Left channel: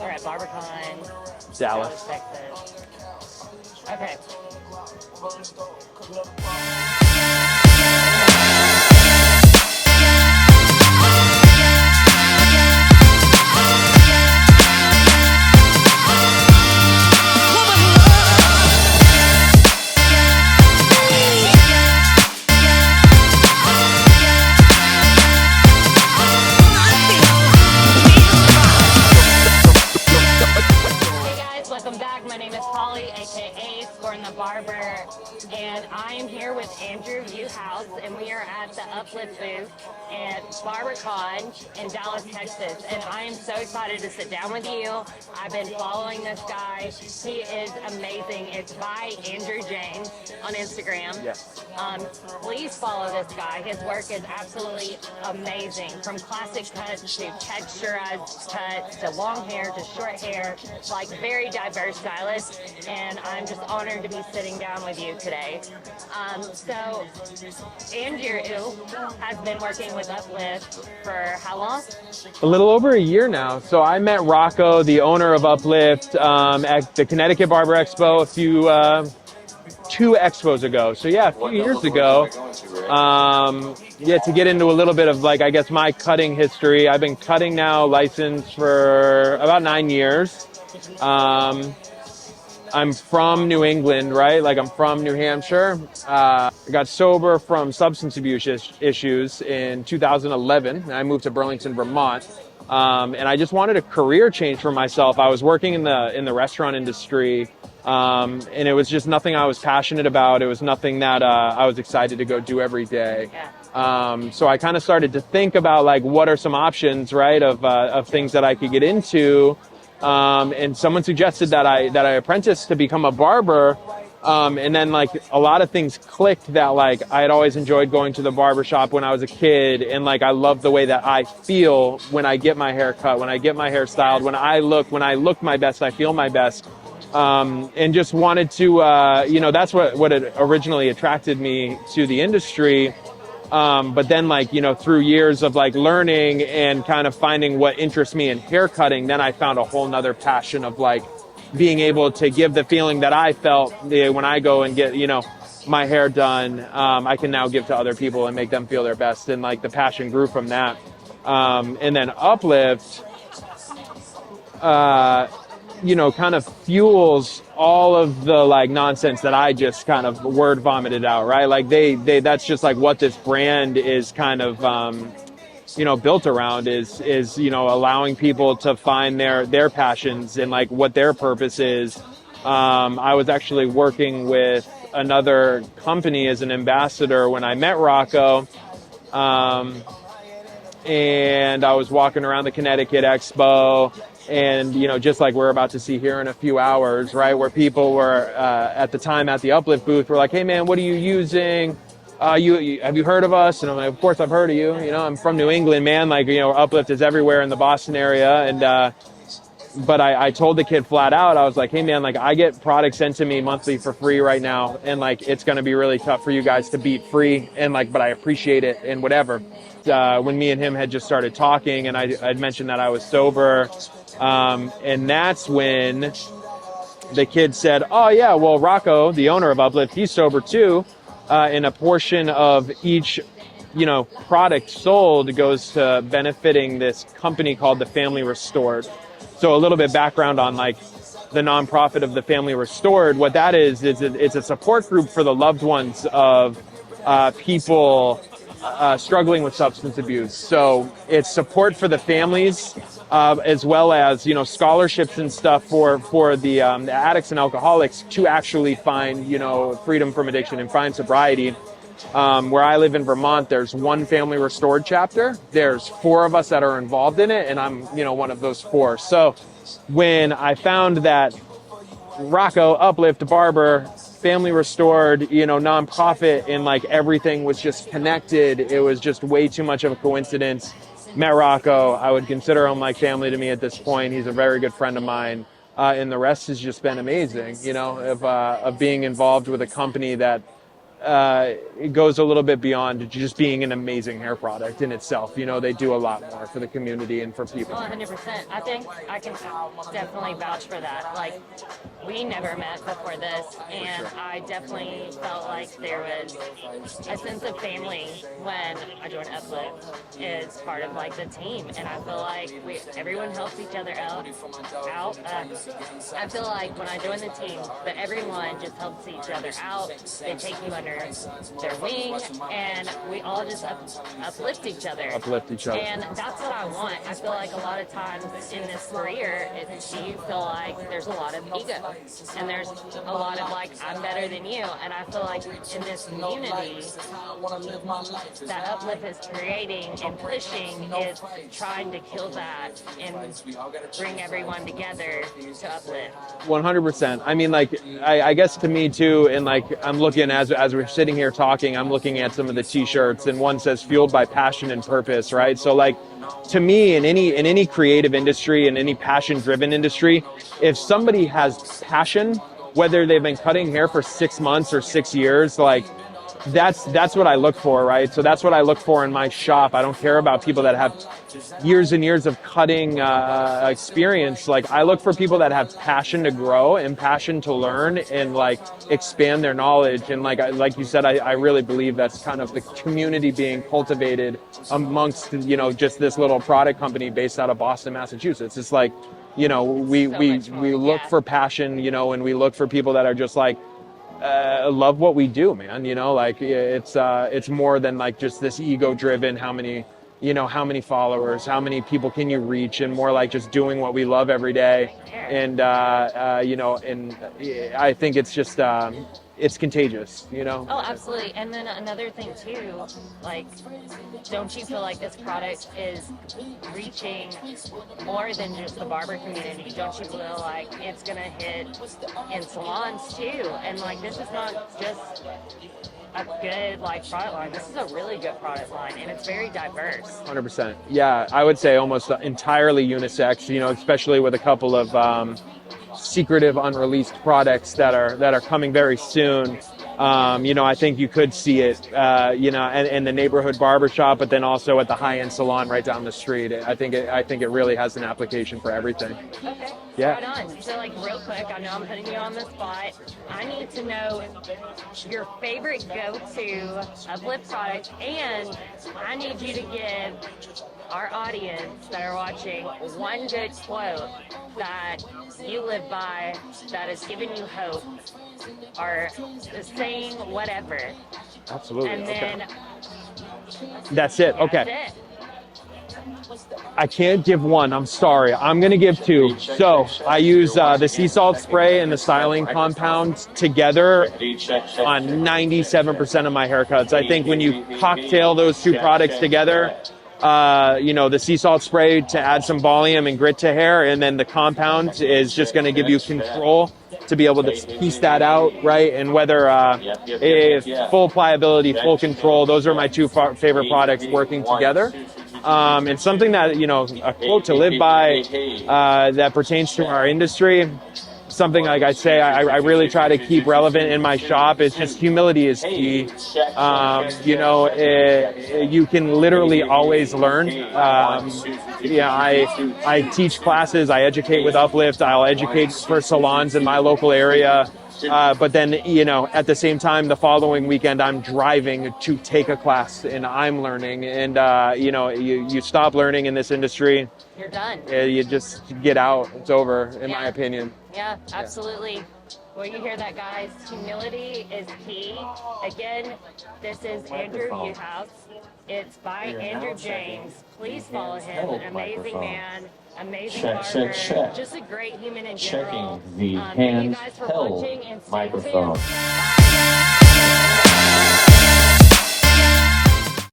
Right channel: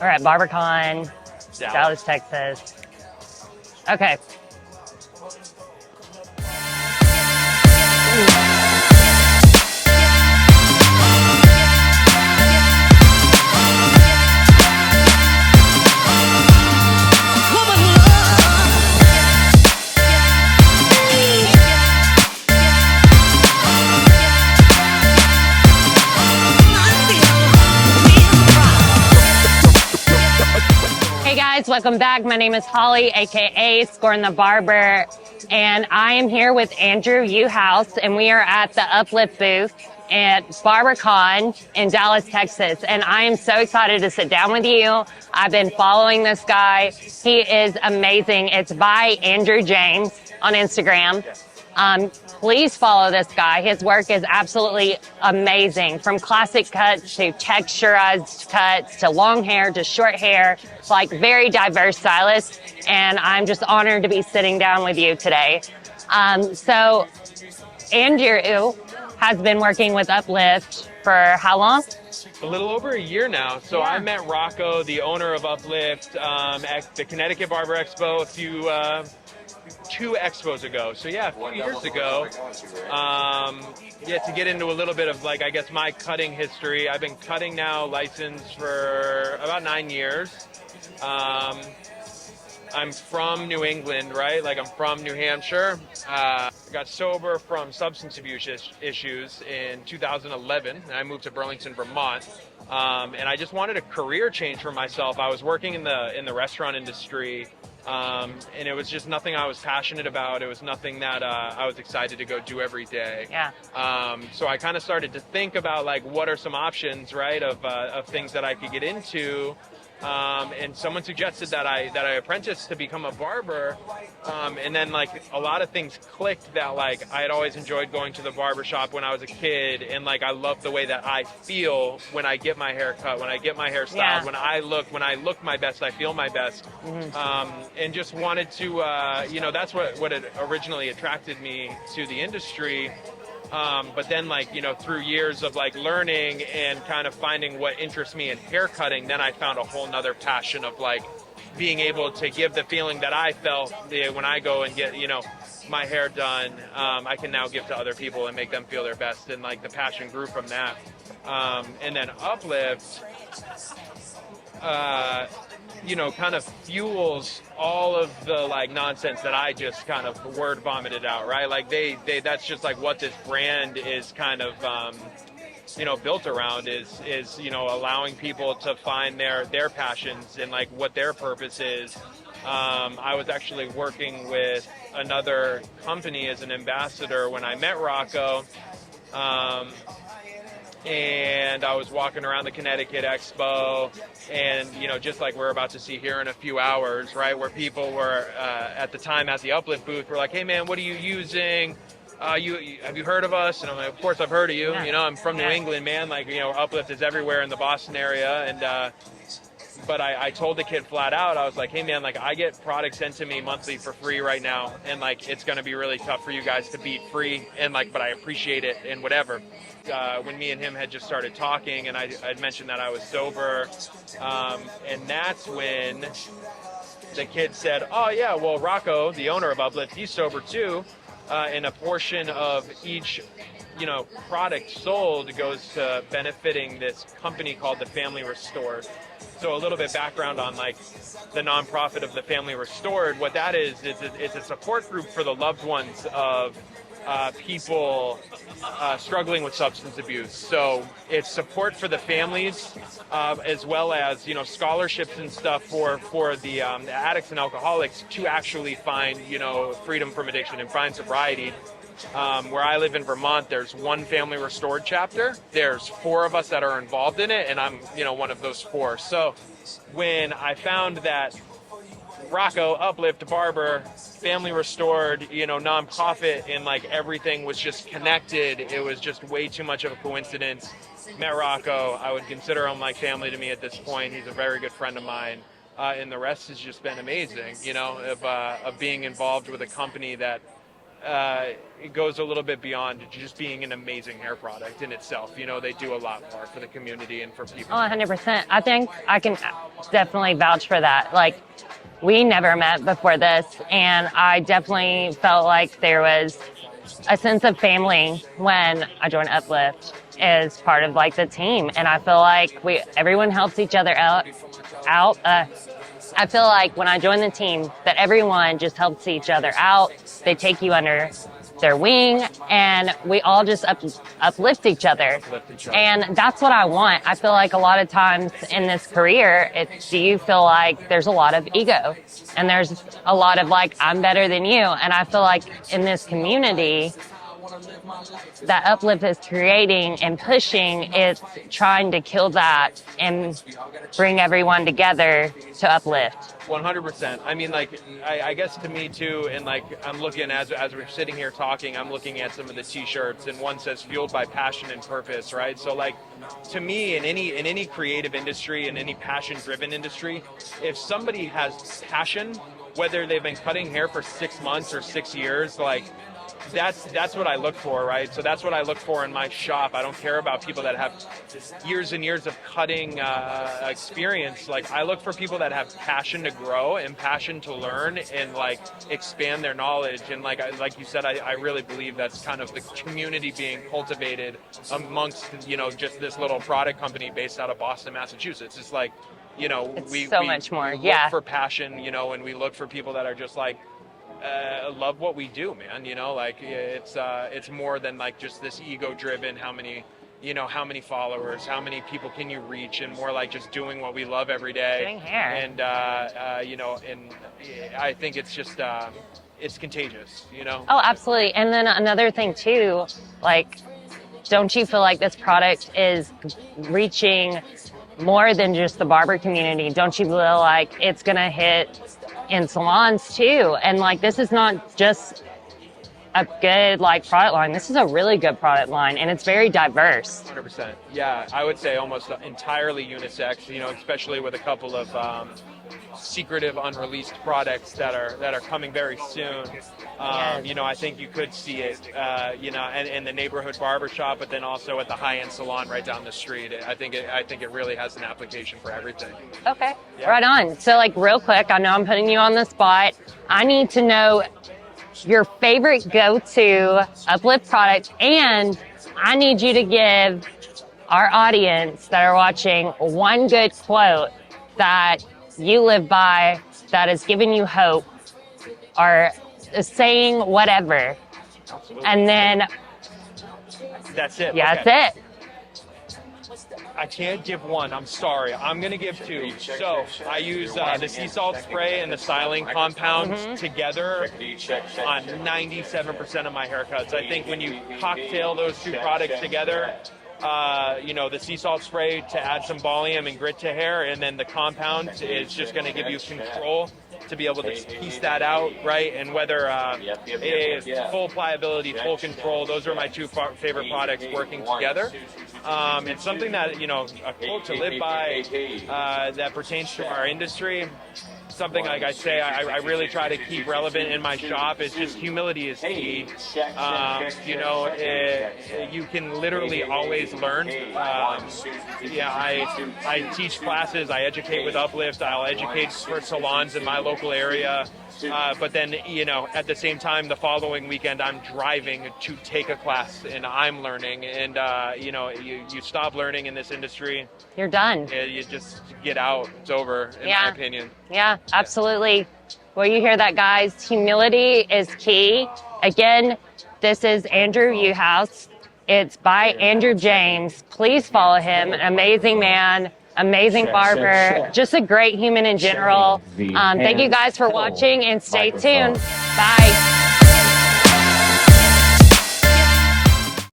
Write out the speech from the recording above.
We're at Barbercon, Dallas. Dallas, Texas. Okay. Welcome back. My name is Holly, aka Scorn the Barber, and I am here with Andrew Juhasz, and we are at the Uplift booth at Barbercon in Dallas, Texas. And I am so excited to sit down with you. I've been following this guy. He is amazing. It's by Andrew James on Instagram. Yes. Please follow this guy. His work is absolutely amazing. From classic cuts to texturized cuts to long hair to short hair. It's like very diverse stylist. And I'm just honored to be sitting down with you today. So Andrew has been working with Uplift for how long? A little over a year now. So I met Rocco, the owner of Uplift, at the Connecticut Barber Expo two expos ago. So yeah, a few years ago. To get into a little bit of like, I guess, my cutting history. I've been cutting now licensed for about 9 years. I'm from New England, right? Like I'm from New Hampshire. I got sober from substance abuse issues in 2011. And I moved to Burlington, Vermont. And I just wanted a career change for myself. I was working in the restaurant industry. And it was just nothing I was passionate about. It was nothing that I was excited to go do every day. Yeah. So I kind of started to think about like what are some options, right, of things that I could get into. And someone suggested that I apprentice to become a barber. And then like a lot of things clicked that like I had always enjoyed going to the barber shop when I was a kid, and like I love the way that I feel when I get my hair cut, when I get my hair styled, Yeah. when I look my best, I feel my best. And just wanted to that's what it originally attracted me to the industry. But then like, through years of like learning and kind of finding what interests me in hair cutting, then I found a whole nother passion of like being able to give the feeling that I felt when I go and get, my hair done. I can now give to other people and make them feel their best. And like the passion grew from that. And then Uplift, kind of fuels all of the like nonsense that I just kind of word vomited out, right? Like they that's just like what this brand is kind of, built around is, allowing people to find their passions and like what their purpose is. I was actually working with another company as an ambassador when I met Rocco. And I was walking around the Connecticut Expo, and just like we're about to see here in a few hours, right, where people were at the time at the Uplift booth were like, hey man, what are you using? Have you heard of us? And I'm like, of course I've heard of you. I'm from New England, man. Like, Uplift is everywhere in the Boston area. And but I told the kid flat out, I was like, hey man, like I get products sent to me monthly for free right now, and like it's gonna be really tough for you guys to beat free, and like, but I appreciate it and whatever. When me and him had just started talking, and I'd mentioned that I was sober, and that's when the kid said, oh yeah, well Rocco, the owner of Uplift, he's sober too, and a portion of each product sold goes to benefiting this company called the Family Restored. So a little bit background on like the nonprofit of the Family Restored. What that is it's a support group for the loved ones of people struggling with substance abuse. So it's support for the families, as well as scholarships and stuff for the addicts and alcoholics to actually find freedom from addiction and find sobriety. Where I live in Vermont, there's one Family Restored chapter. There's 4 of us that are involved in it, and I'm one of those 4. So when I found that Rocco, Uplift, Barber, Family Restored, nonprofit, and like everything was just connected, it was just way too much of a coincidence. Met Rocco. I would consider him like family to me at this point. He's a very good friend of mine. And the rest has just been amazing, of being involved with a company that it goes a little bit beyond just being an amazing hair product in itself. You know, they do a lot more for the community and for people. Oh, 100%. I think I can definitely vouch for that. Like, we never met before this, and I definitely felt like there was a sense of family when I joined Uplift as part of like the team. And I feel like everyone helps each other out. I feel like when I joined the team that everyone just helps each other out. They take you under their wing, and we all just uplift each other. And that's what I want. I feel like a lot of times in this career, do you feel like there's a lot of ego, and there's a lot of like, I'm better than you. And I feel like in this community that Uplift is creating and pushing, it's trying to kill that and bring everyone together to uplift. 100%. I mean, like, I guess to me too, and like, I'm looking as we're sitting here talking, I'm looking at some of the t-shirts, and one says fueled by passion and purpose, right? So like, to me, in any creative industry, in any passion-driven industry, if somebody has passion, whether they've been cutting hair for 6 months or 6 years, like, that's what I look for, right? So that's what I look for in my shop. I don't care about people that have years and years of cutting experience. Like, I look for people that have passion to grow and passion to learn and like expand their knowledge. And like you said, I really believe that's kind of the community being cultivated amongst, you know, just this little product company based out of Boston, Massachusetts. It's like, you know, we look for passion, you know, and we look for people that are just like, love what we do, man. You know, like it's more than like just this ego driven, how many followers, how many people can you reach, and more like just doing what we love every day. And you know, and I think it's just it's contagious, you know. Oh, absolutely. And then another thing too, like, don't you feel like this product is reaching more than just the barber community? Don't you feel like it's gonna hit in salons too? And like, this is not just a good like product line, this is a really good product line, and it's very diverse. 100%. Yeah, I would say almost entirely unisex, you know, especially with a couple of secretive unreleased products that are coming very soon. You know, I think you could see it, you know, in the neighborhood barbershop, but then also at the high-end salon right down the street. I think it really has an application for everything. Okay, yeah. Right on. So like, real quick, I know I'm putting you on the spot. I need to know your favorite go-to Uplift product, and I need you to give our audience that are watching one good quote that you live by, that is giving you hope, or saying whatever. Absolutely. And then that's it. Yeah, okay. That's it. I can't give one. I'm sorry. I'm going to give two. So I use the sea salt spray and the styling compound together on 97% of my haircuts. I think when you cocktail those two products together, you know, the sea salt spray to add some volume and grit to hair, and then the compound is just going to give you control to be able to piece that out, right? And whether if full pliability, full control, those are my two favorite products working together. And something that, you know, a quote to live by that pertains to our industry, something like I say, I really try to keep relevant in my shop. It's just humility is key. You know, you can literally always learn. Yeah, I teach classes, I educate with Uplift, I'll educate for salons in my local area. But then, you know, at the same time, the following weekend, I'm driving to take a class and I'm learning. And, you know, you stop learning in this industry. You're done. You just get out. It's over, in my opinion. Yeah, absolutely. Well, you hear that, guys. Humility is key. Again, this is Andrew Juhasz. It's by Andrew James. Please follow him. An amazing man. Amazing barber, just a great human in general. Thank you guys for watching, and stay tuned. Bye.